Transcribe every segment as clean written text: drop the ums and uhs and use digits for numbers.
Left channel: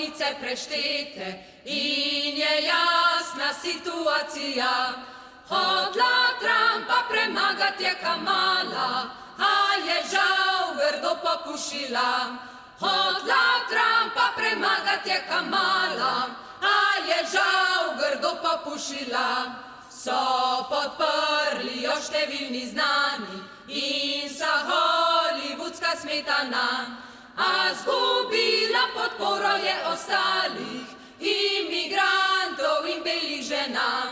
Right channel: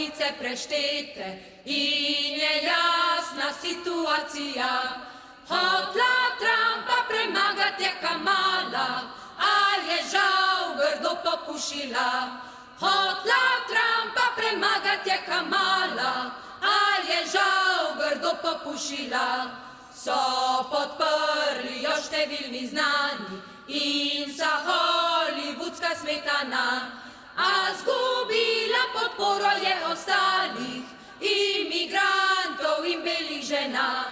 bolnice preštete in je jasna situacija. Hotla Trumpa premagati je Kamala, a je žal grdo popušila. Hotla Trumpa premagati je Kamala, a je žal grdo popušila. So podprli jo številni znani in so hollywoodska smetana, a zgubila podporo je ostalih imigrantov in belih žena.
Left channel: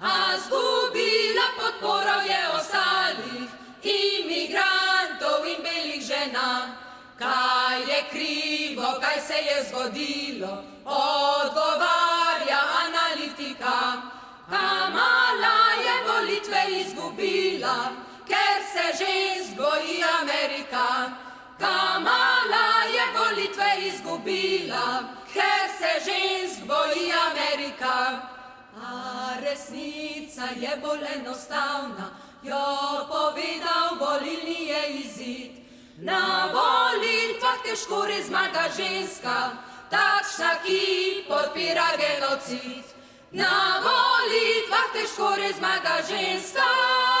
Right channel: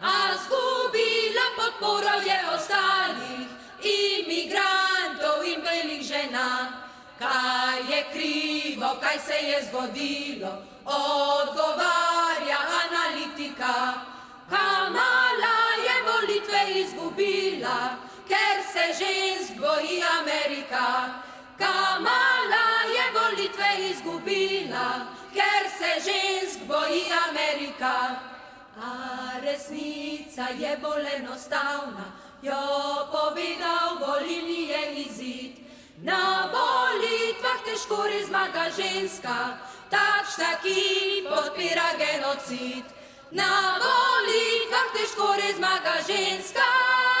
A zgubila podporo je ostalih imigrantov in belih žena. Kaj je krivo, kaj se je zgodilo, odgovarja analitika. Kamala je volitve izgubila, ker se žensk boji Amerika. Kamala je volitve izgubila, ker se žensk boji Amerika. A resnica je bolj enostavna, jo povedal volilni je izid. Na volitvah težko res zmaga ženska, takšna, ki podpira genocid. Na volitvah težko res zmaga ženska.